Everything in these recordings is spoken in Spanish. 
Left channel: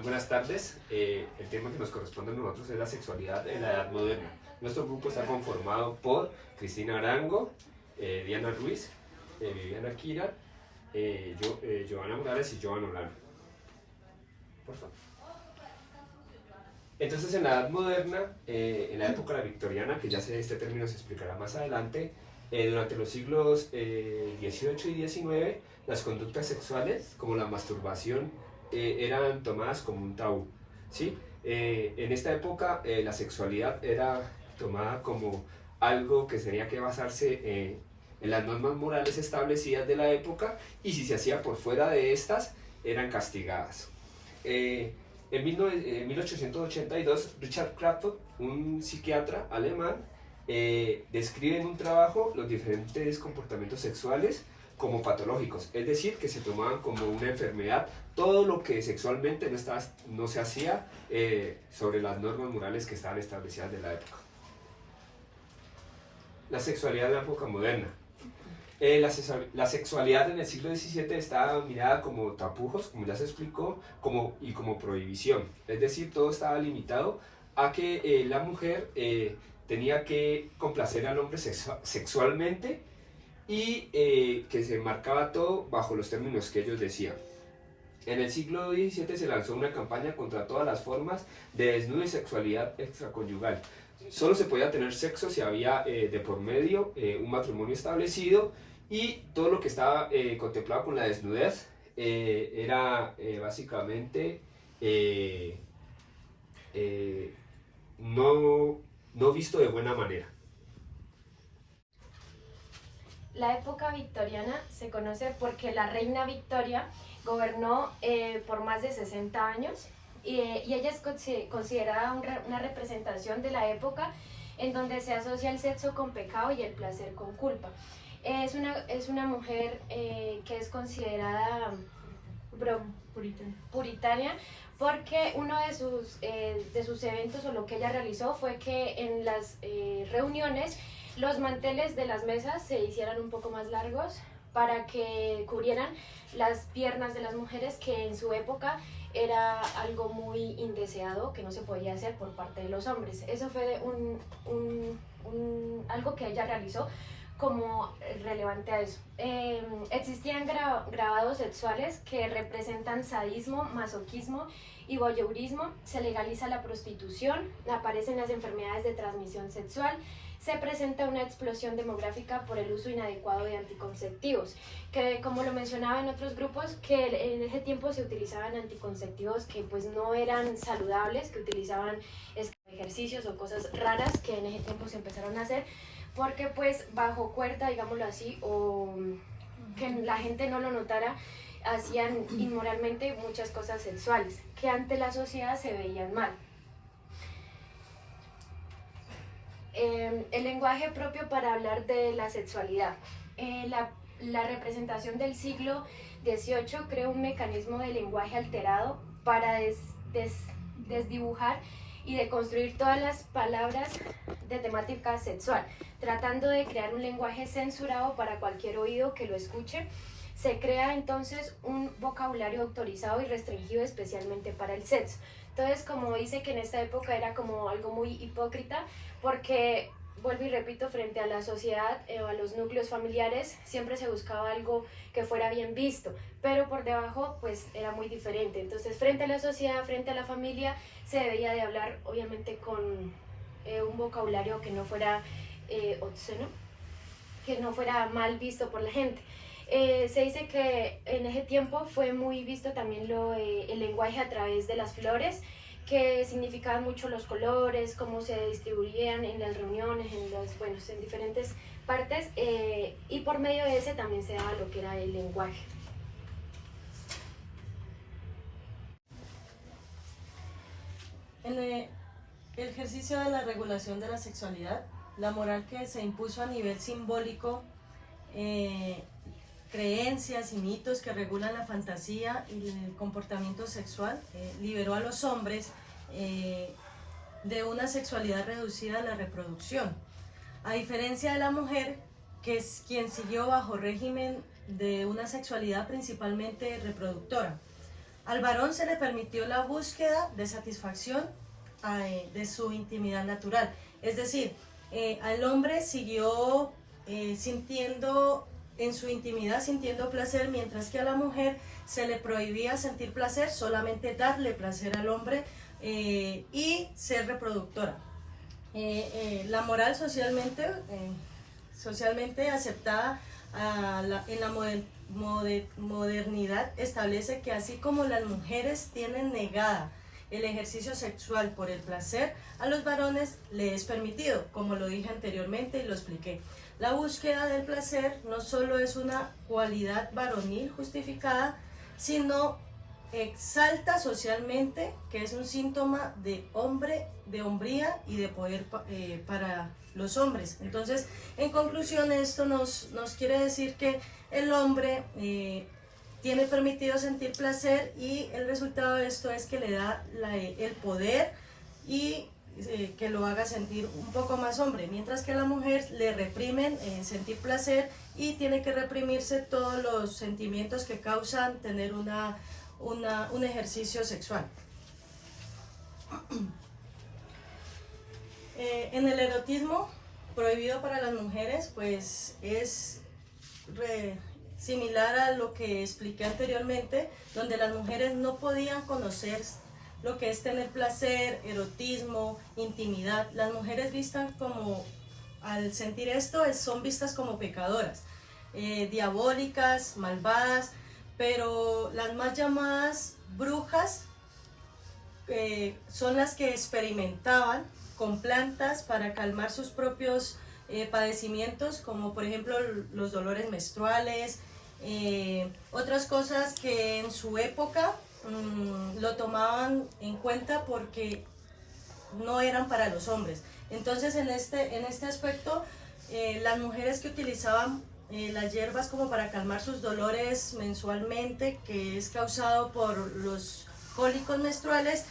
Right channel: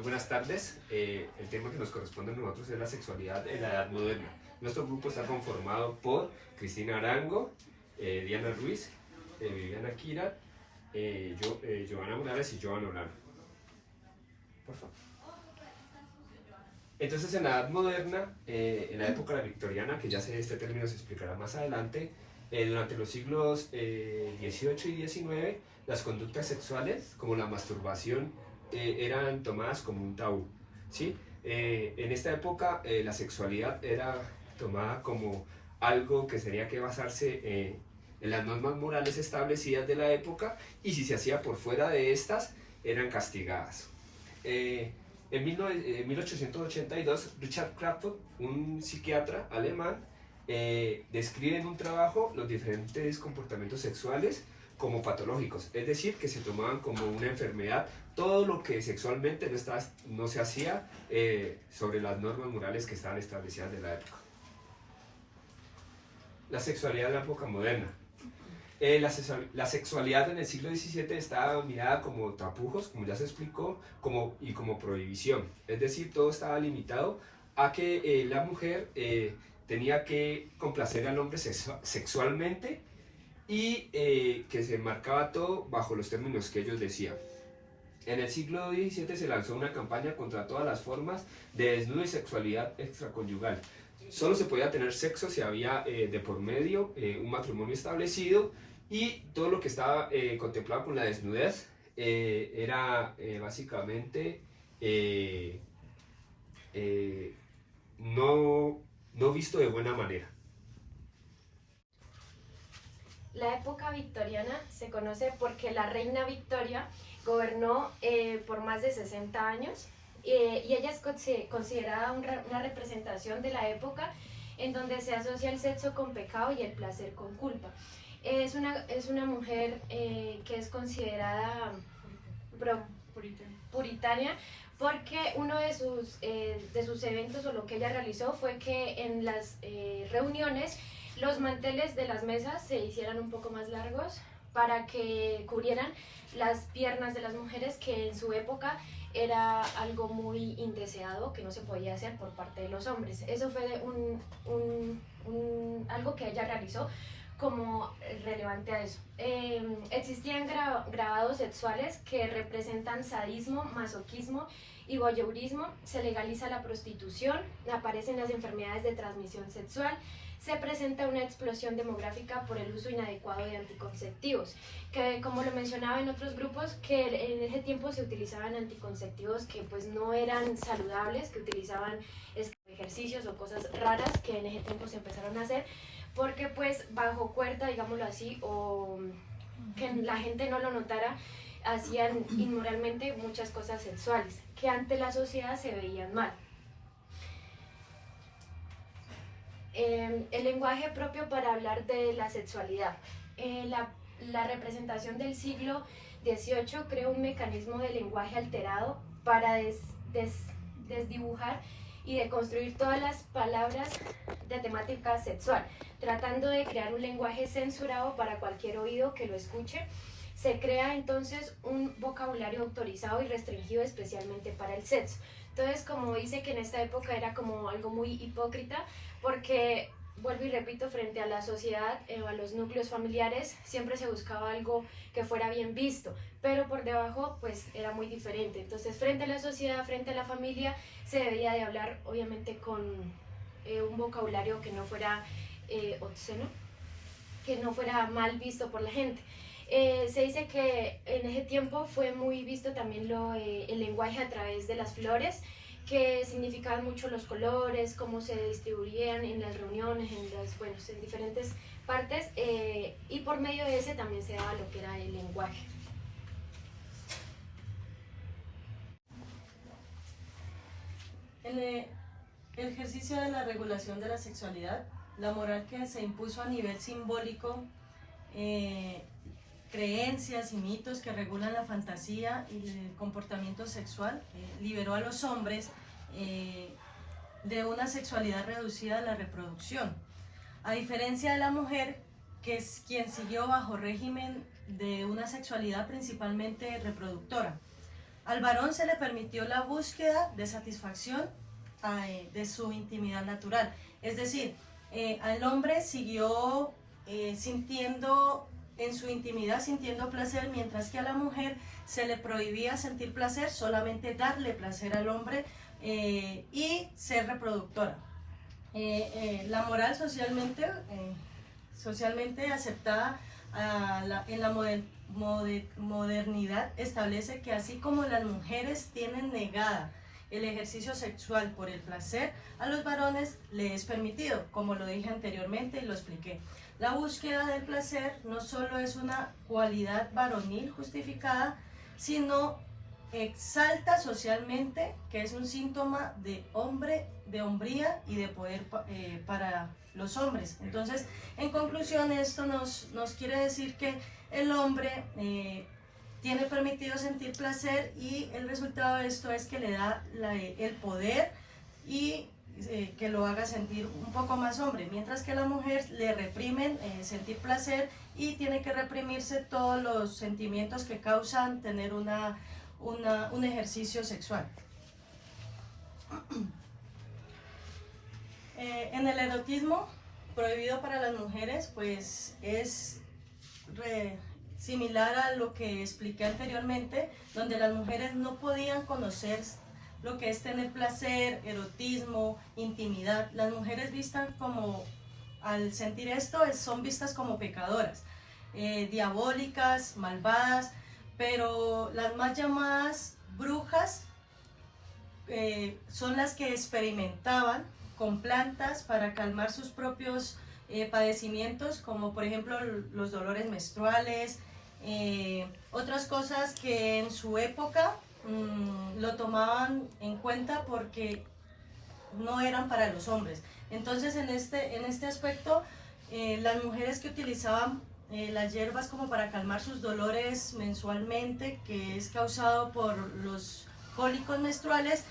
Muy buenas tardes. El tema que nos corresponde a nosotros es la sexualidad en la edad moderna. Nuestro grupo está conformado por Cristina Arango, Diana Ruiz, Viviana Kira, Joana Morales y Joan Olano. Por favor. Entonces, en la edad moderna, en la época victoriana, que ya este término se explicará más adelante, durante los siglos XVIII y XIX, las conductas sexuales, como la masturbación, eran tomadas como un tabú, ¿sí? En esta época, la sexualidad era tomada como algo que tenía que basarse en las normas morales establecidas de la época, y si se hacía por fuera de estas, eran castigadas. En 1882, Richard Krapf, un psiquiatra alemán, describe en un trabajo los diferentes comportamientos sexuales como patológicos, es decir, que se tomaban como una enfermedad todo lo que sexualmente no se hacía sobre las normas morales que estaban establecidas de la época. La sexualidad de la época moderna. La sexualidad en el siglo XVII estaba mirada como tapujos, como ya se explicó, y como prohibición. Es decir, todo estaba limitado a que la mujer tenía que complacer al hombre sexualmente y que se marcaba todo bajo los términos que ellos decían. En el siglo XVII se lanzó una campaña contra todas las formas de desnudo y sexualidad extraconyugal. Solo se podía tener sexo si había de por medio un matrimonio establecido, y todo lo que estaba contemplado con la desnudez era básicamente no visto de buena manera. La época victoriana se conoce porque la reina Victoria gobernó por más de 60 años y ella es considerada una representación de la época en donde se asocia el sexo con pecado y el placer con culpa. Es una mujer que es considerada puritana porque uno de sus eventos, o lo que ella realizó, fue que en las reuniones los manteles de las mesas se hicieran un poco más largos para que cubrieran las piernas de las mujeres, que en su época era algo muy indeseado, que no se podía hacer por parte de los hombres. Eso fue algo que ella realizó como relevante a eso. Existían grabados sexuales que representan sadismo, masoquismo y voyeurismo. Se legaliza la prostitución, aparecen las enfermedades de transmisión sexual, se presenta una explosión demográfica por el uso inadecuado de anticonceptivos, que, como lo mencionaba en otros grupos, que en ese tiempo se utilizaban anticonceptivos que pues no eran saludables, que utilizaban ejercicios o cosas raras que en ese tiempo se empezaron a hacer, porque pues bajo cuerda, digámoslo así, o que la gente no lo notara, hacían inmoralmente muchas cosas sexuales que ante la sociedad se veían mal. El lenguaje propio para hablar de la sexualidad. La representación del siglo XVIII creó un mecanismo de lenguaje alterado para desdibujar y de construir todas las palabras de temática sexual, tratando de crear un lenguaje censurado para cualquier oído que lo escuche. Se crea entonces un vocabulario autorizado y restringido especialmente para el sexo. Entonces, como dice, que en esta época era como algo muy hipócrita, porque, vuelvo y repito, frente a la sociedad o a los núcleos familiares siempre se buscaba algo que fuera bien visto, pero por debajo pues era muy diferente. Entonces, frente a la sociedad, frente a la familia, se debía de hablar obviamente con un vocabulario que no fuera obsceno, que no fuera mal visto por la gente. Se dice que en ese tiempo fue muy visto también el lenguaje a través de las flores, que significaban mucho los colores, cómo se distribuían en las reuniones, en diferentes partes, y por medio de ese también se daba lo que era el lenguaje. El ejercicio de la regulación de la sexualidad, la moral que se impuso a nivel simbólico, creencias y mitos que regulan la fantasía y el comportamiento sexual, liberó a los hombres de una sexualidad reducida a la reproducción, a diferencia de la mujer, que es quien siguió bajo régimen de una sexualidad principalmente reproductora. Al varón se le permitió la búsqueda de satisfacción de su intimidad natural. Es decir, al hombre siguió sintiendo en su intimidad, sintiendo placer, mientras que a la mujer se le prohibía sentir placer, solamente darle placer al hombre y ser reproductora. La moral socialmente aceptada en la modernidad establece que así como las mujeres tienen negada el ejercicio sexual por el placer, a los varones les es permitido, como lo dije anteriormente y lo expliqué. La búsqueda del placer no solo es una cualidad varonil justificada, sino exalta socialmente que es un síntoma de hombría y de poder para los hombres. Entonces, en conclusión, esto nos quiere decir que el hombre tiene permitido sentir placer y el resultado de esto es que le da el poder y que lo haga sentir un poco más hombre, mientras que a la mujer le reprimen sentir placer y tiene que reprimirse todos los sentimientos que causan tener un ejercicio sexual. En el erotismo prohibido para las mujeres, pues es similar a lo que expliqué anteriormente, donde las mujeres no podían conocer lo que es tener placer, erotismo, intimidad. Las mujeres vistas como, al sentir esto, son vistas como pecadoras, diabólicas, malvadas, pero las más llamadas brujas son las que experimentaban con plantas para calmar sus propios padecimientos, como por ejemplo los dolores menstruales, otras cosas que en su época lo tomaban en cuenta porque no eran para los hombres. Entonces en este aspecto las mujeres que utilizaban las hierbas como para calmar sus dolores mensualmente, que es causado por los cólicos menstruales,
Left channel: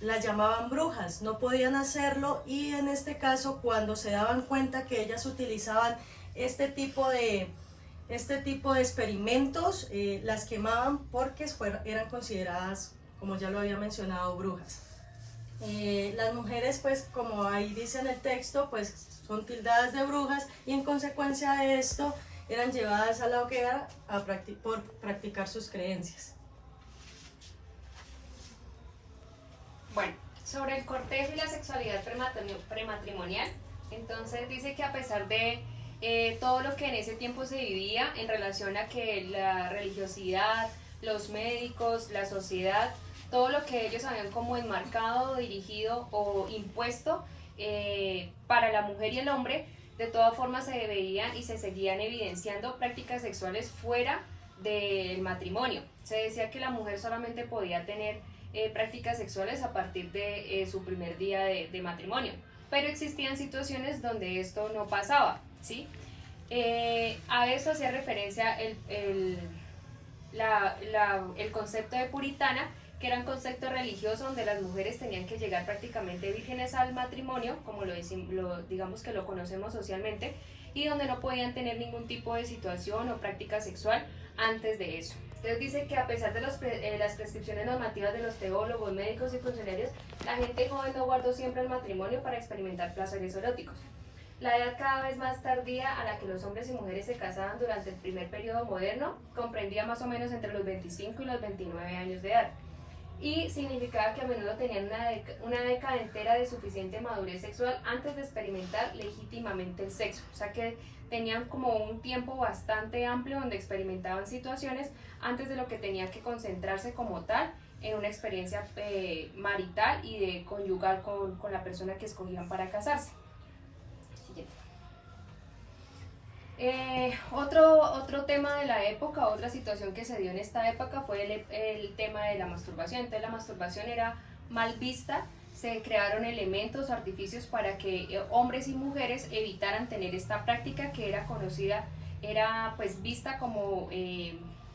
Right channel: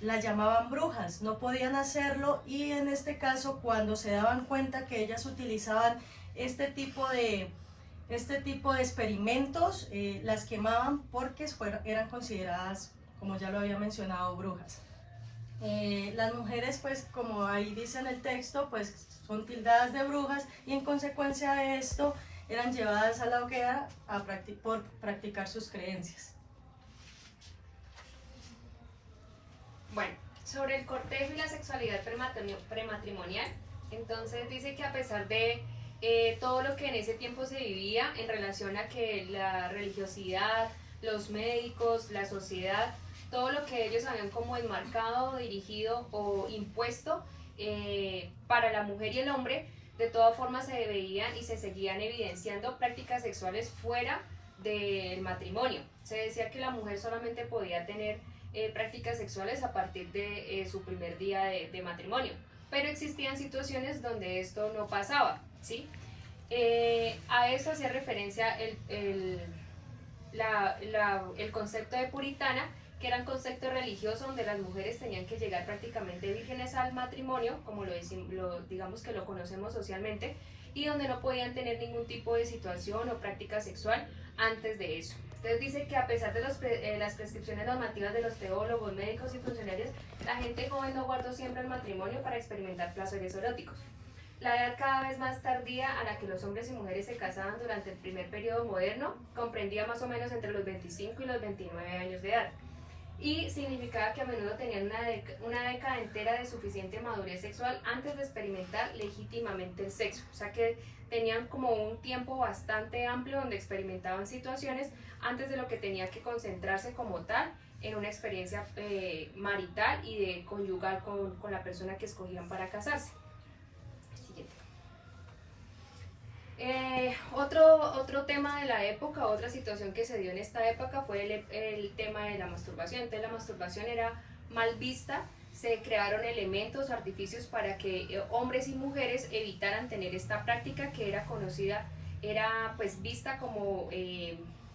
las llamaban brujas, no podían hacerlo, y en este caso cuando se daban cuenta que ellas utilizaban este tipo de experimentos, las quemaban porque eran consideradas, como ya lo había mencionado, brujas. Las mujeres, pues como ahí dice en el texto, pues son tildadas de brujas y en consecuencia de esto eran llevadas a la hoguera por practicar sus creencias. Bueno, sobre el cortejo y la sexualidad prematrimonial, entonces dice que a pesar de todo lo que en ese tiempo se vivía en relación a que la religiosidad, los médicos, la sociedad, todo lo que ellos habían como enmarcado, dirigido o impuesto para la mujer y el hombre, de todas formas se veían y se seguían evidenciando prácticas sexuales fuera del matrimonio. Se decía que la mujer solamente podía tener prácticas sexuales a partir de su primer día de matrimonio, pero existían situaciones donde esto no pasaba, ¿sí? A eso hacía referencia el concepto de puritana, que era un concepto religioso donde las mujeres tenían que llegar prácticamente vírgenes al matrimonio, como digamos que lo conocemos socialmente, y donde no podían tener ningún tipo de situación o práctica sexual antes de eso. Entonces dice que a pesar de las prescripciones normativas de los teólogos, médicos y funcionarios, la gente joven no guardó siempre el matrimonio para experimentar placeres eróticos. La edad cada vez más tardía a la que los hombres y mujeres se casaban durante el primer periodo moderno comprendía más o menos entre los 25 y los 29 años de edad, y significaba que a menudo tenían una década entera de suficiente madurez sexual antes de experimentar legítimamente el sexo. O sea que tenían como un tiempo bastante amplio donde experimentaban situaciones antes de lo que tenía que concentrarse como tal en una experiencia marital y de conyugal con la persona que escogían para casarse. Siguiente. Otro tema de la época, otra situación que se dio en esta época fue el tema de la masturbación. Entonces la masturbación era mal vista, se crearon elementos, artificios para que hombres y mujeres evitaran tener esta práctica que era conocida, era pues vista como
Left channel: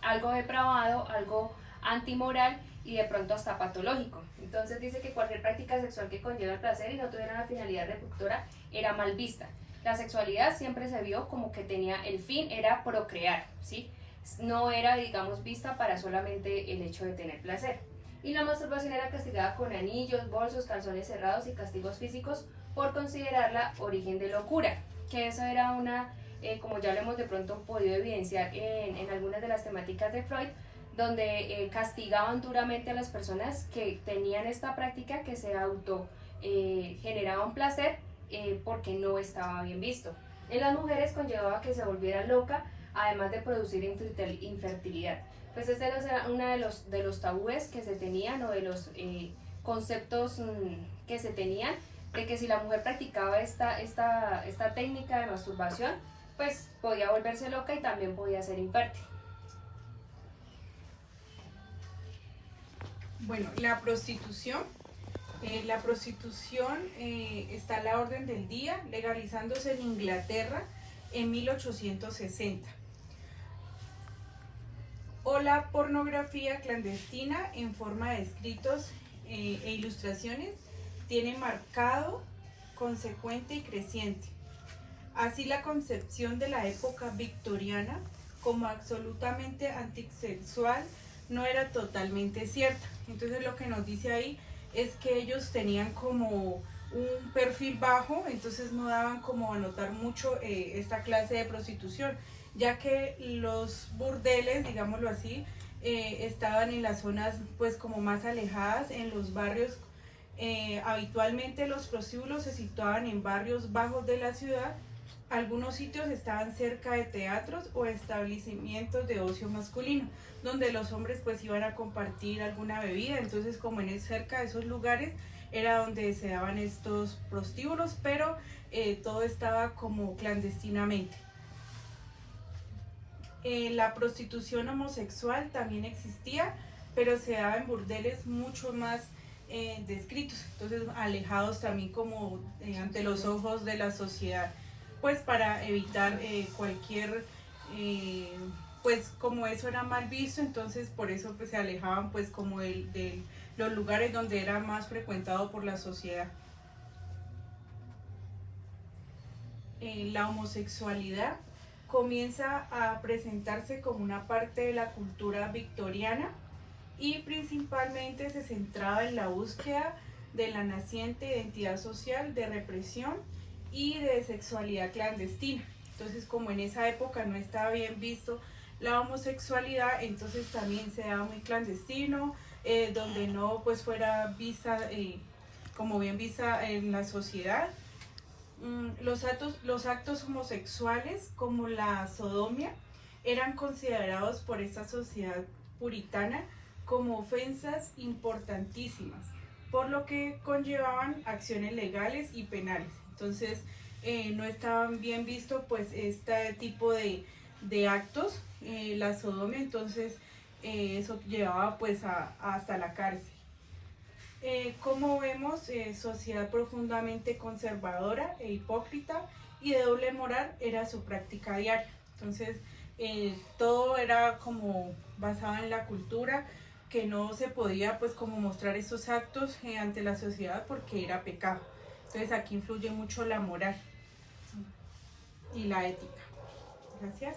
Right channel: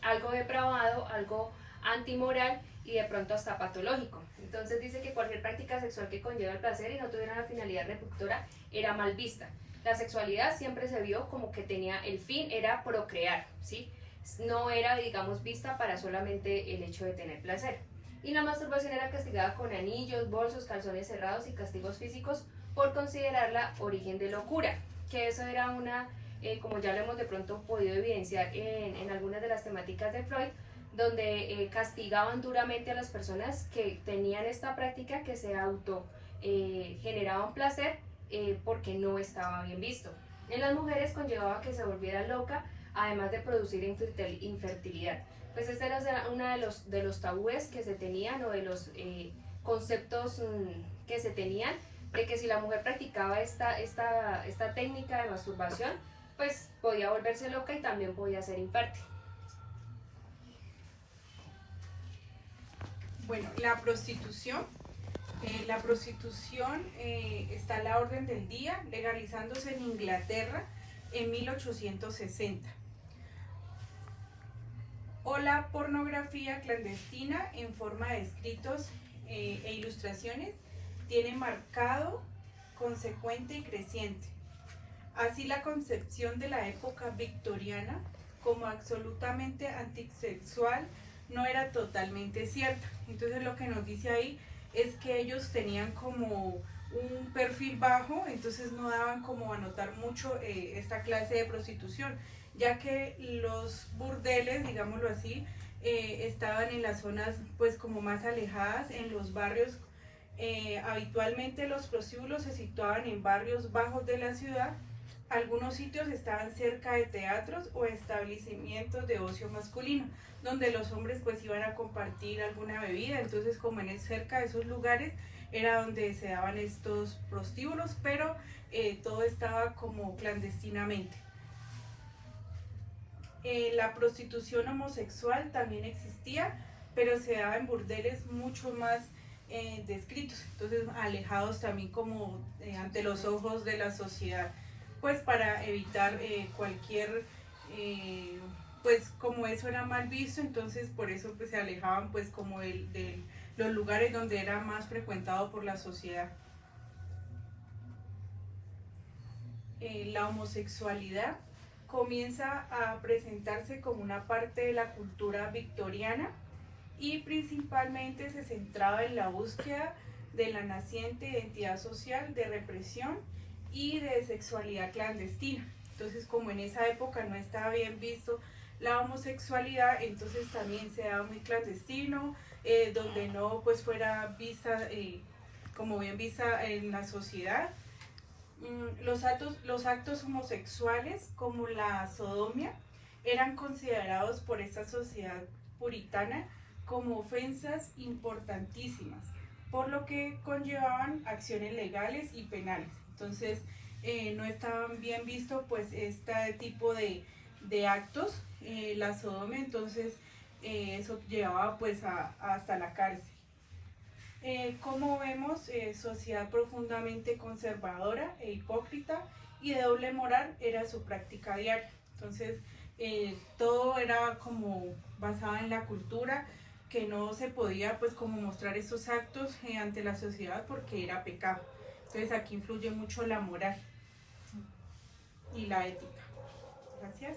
algo depravado, algo antimoral y de pronto hasta patológico. Entonces dice que cualquier práctica sexual que conlleva el placer y no tuviera una finalidad reproductora era mal vista. La sexualidad siempre se vio como que tenía el fin, era procrear, ¿sí? no era, digamos, vista para solamente el hecho de tener placer. Y la masturbación era castigada con anillos, bolsos, calzones cerrados y castigos físicos por considerarla origen de locura, que eso era una, como ya lo hemos de pronto podido evidenciar en algunas de las temáticas de Freud, donde castigaban duramente a las personas que tenían esta práctica, que se auto generaban placer porque no estaba bien visto. En las mujeres conllevaba que se volviera loca, además de producir infertilidad. Pues este era uno de los tabúes que se tenían, o de los conceptos que se tenían, de que si la mujer practicaba esta técnica de masturbación, pues podía volverse loca y también podía ser infértil. Bueno, la prostitución. La prostitución está a la orden del día, legalizándose en Inglaterra en 1860. O la pornografía clandestina en forma de escritos e ilustraciones tiene marcado, consecuente y creciente. Así la concepción de la época victoriana como absolutamente antisexual no era totalmente cierta. Entonces lo que nos dice ahí es que ellos tenían como un perfil bajo, entonces no daban como a notar mucho esta clase de prostitución, ya que los burdeles, digámoslo así, estaban en las zonas pues como más alejadas, en los barrios. Habitualmente los prostíbulos se situaban en barrios bajos de la ciudad. Algunos sitios estaban cerca de teatros o establecimientos de ocio masculino, donde los hombres pues iban a compartir alguna bebida. Entonces, como cerca de esos lugares era donde se daban estos prostíbulos, pero todo estaba como clandestinamente. La prostitución homosexual también existía, pero se daba en burdeles mucho más descritos, entonces alejados también como ante los ojos de la sociedad, pues para evitar cualquier, pues como eso era mal visto, entonces por eso pues se alejaban pues como de los lugares donde era más frecuentado por la sociedad. La homosexualidad comienza a presentarse como una parte de la cultura victoriana y principalmente se centraba en la búsqueda de la naciente identidad social de represión y de sexualidad clandestina. Entonces, como en esa época no estaba bien visto la homosexualidad, entonces también se daba muy clandestino, donde no pues fuera vista como bien vista en la sociedad. Los actos homosexuales, como la sodomía, eran considerados por esta sociedad puritana como ofensas importantísimas, por lo que conllevaban acciones legales y penales. Entonces no estaban bien vistos pues este tipo de actos, la sodomía, entonces eso llevaba pues hasta la cárcel. Como vemos, sociedad profundamente conservadora e hipócrita y de doble moral era su práctica diaria. Entonces todo era como basado en la cultura, que no se podía pues como mostrar esos actos ante la sociedad porque era pecado. Entonces aquí influye mucho la moral y la ética. Gracias.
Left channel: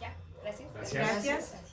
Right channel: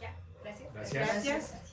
Ya, gracias. Gracias. Gracias.